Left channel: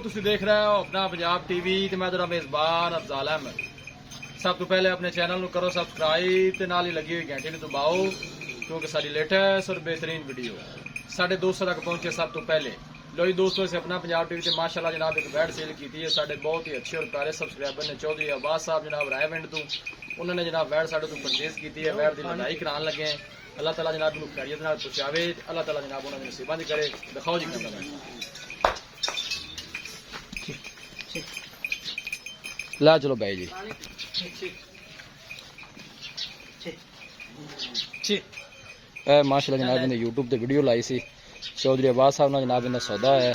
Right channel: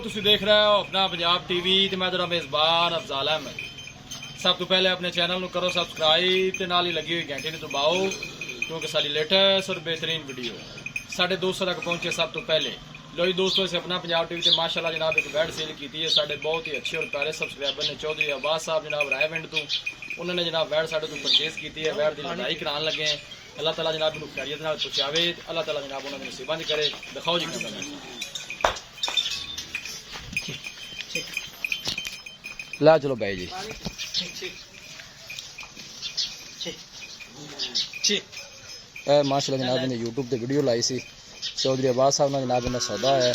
ਤੁਸੀਂ ਦੇਖ ਰਹੇ ਹੋ ਆਪਣਾ ਪੰਜਾਬ ਟੀਵੀ ਤੇ ਮੈਂ ਤੁਹਾਡਾ ਮੇਜ਼ਬਾਨ ਅਫਜ਼ਾਲ ਅਹਿਮਦ। ਸਭ ਤੋਂ ਪਹਿਲੇ ਆਪਣੇ ਚੈਨਲ ਨੂੰ ਕਰੋ ਸਬਸਕ੍ਰਾਈਬ ਤੇ ਨਾਲ ਹੀ ਲੱਗੀ ਹੋਈ ਘੰਟੀ ਨੂੰ ਦਬਾਓ ਕਿਉਂਕਿ ਸਾਡੀ ਲੇਟੈਸਟ और बेहतरीन वीडियो साढ़े दोस्तों तक पहुंचे सब तो पहले। लो जी दोस्तों, से अपना पंजाब टीवी से माशाल्लाह जनाब एक बैट सेल की है। साढ़े बहुत ही अच्छे और प्यारे सब्सक्राइबर ने चौधरी अब्बास साहब जनाब रायविंड तो उन्होंने जनाब बैट साढ़े तो परचेज की है। बैट की लड़ाई कराने लगे हैं। अल्लाह ताला जनाब इन्होंने खैरियत नाल पहुंचावे। अल्लाह ताला जनाब उन्होंने नसीबां दी करे। दिखाओ जी कैमरा मैन ला चलो भाई जी। माशाल्लाह जनाब ने यूट्यूब ते वीडियो लाई सी। चौधरी अब्बास साहब ने जनाब ने सौदा है।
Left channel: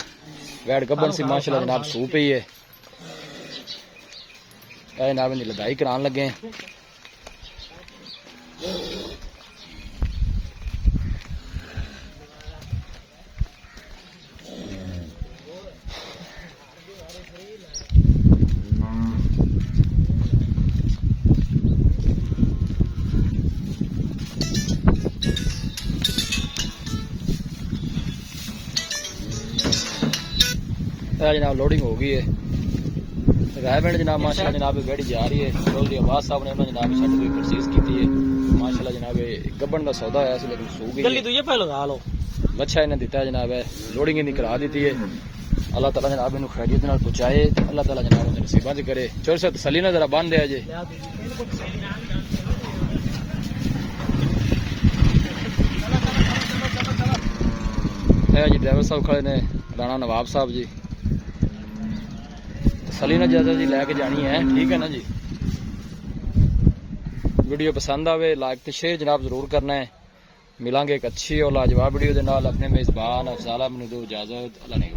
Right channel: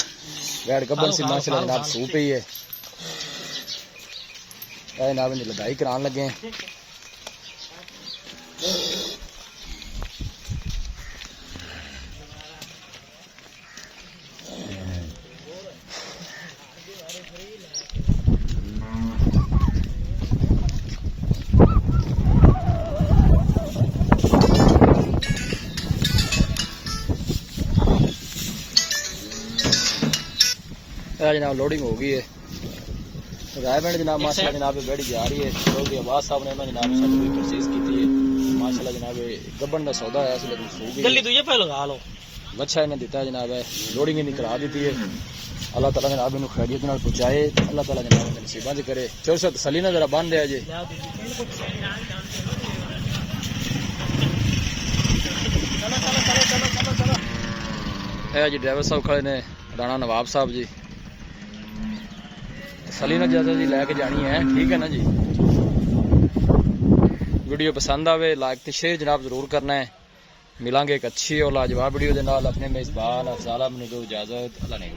बैठ गब्बन सी माशाल्लाह जनाब सू पई है। जनाब ने लड़ाई कराने लगे हैं। जनाब लोडिंग हो गई है। रायविंड जनाब माशाल्लाह जनाब गाड़ी जा रही है। चौधरी अब्बास साहब ने उन्होंने जनाब साड़ी परचेज की है। माशाल्लाह जनाब गब्बन का सौदा है लेकिन सू गई। अच्छा इन्हें दिता जनाब है। लोडिंग इन्हें करा दी है। अल्लाह ताला जनाब इन्हें खैरियत नाल पहुंचाए। अल्लाह ताला जनाब इन्हें नसीबां दी करे। चोर से तसल्ली ना जरा बन दिया जे। जी ड्राइवर साहब खड़े ने राणा नवाब साहब जी। तसल्ली ना ज्यादा जी लैके जानी है। ठीक है ना जी। वीडियो पसंद आवे लाइक ते शेयर जनाब जरूर करना है। मिलांगे एक अच्छी और लाजवाब वीडियो के नाल। अपने मेजबान अफजाल अहमद नूं दो इजाजत। अल्लाह ने